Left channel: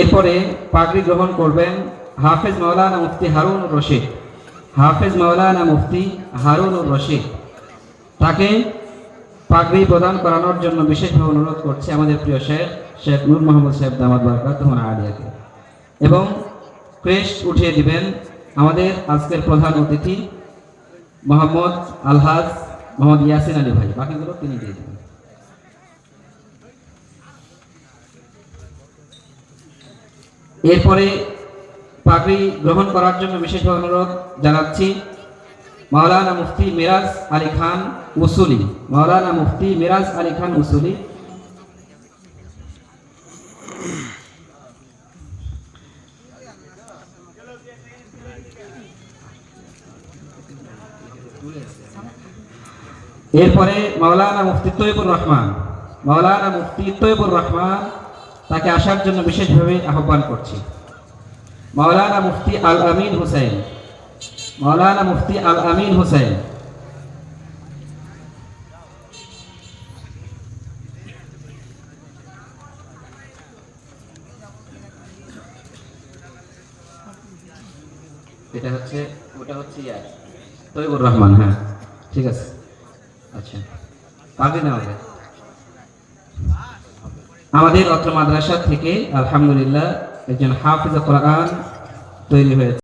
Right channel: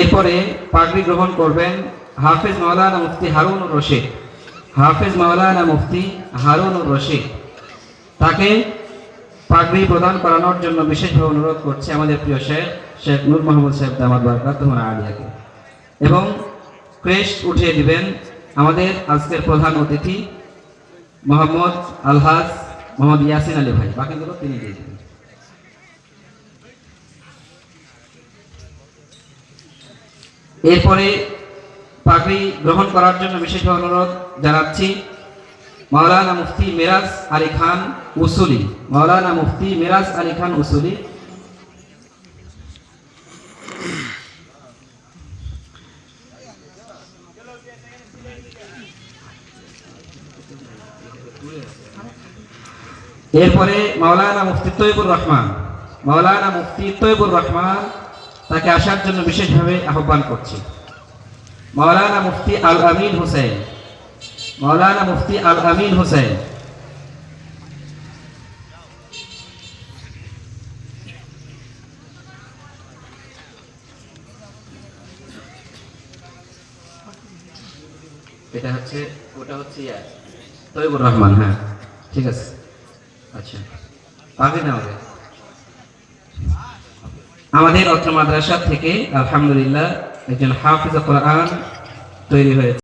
এরপরে পাগড়ি গ্রহণ করবেন হাফেজ মাওলানা মুফতি হারুনুর রশিদ। হাফেজ মাওলানা মুফতি হারুনুর রশিদ, তাকে পাগড়ি প্রদান করানোর জন্য বিশেষভাবে অনুরোধ করছে আমাদের প্রিয় শেখ নূর মোহাম্মদ সাহেব দামাত বারাকাতুহু আলিয়াকে। এবং ক্রেস্ট উঠিয়ে দিবেন আমাদের আজকের প্রধান অতিথি মোহাম্মদ আলহাজ মোহাম্মদ ইয়াসিন আলী ভাই। বাকিগুলো তিনি দিয়ে দেবেন। এরপরে পাগড়ি গ্রহণ করার জন্য বিশেষভাবে অনুরোধ জানাচ্ছি মাওলানা মুফতি মিরাজ আলী খান উসুলি। মাওলানা মুফতি মিরাজ আলী খান উসুলি, এরপরে মাওলানা মুফতি তৈবুর রহমান। মাওলানা মুফতি তৈবুর রহমান, তাকে আসার জন্য বিশেষভাবে আহ্বান করছি। মাওলানা মুফতি আল আমিন হুসাইন। মাওলানা মুফতি আল আমিন হুসাইন, এটা হচ্ছে ওটা হচ্ছে তৈবুর রহমান। হ্যাঁ, ঠিক আছে। আচ্ছা, পাগড়ি না হবে। আমাদের অত্র মাদ্রাসা থেকে আলহামদুলিল্লাহ একজন হাফিজ কোরআন তৈরি হয়েছে।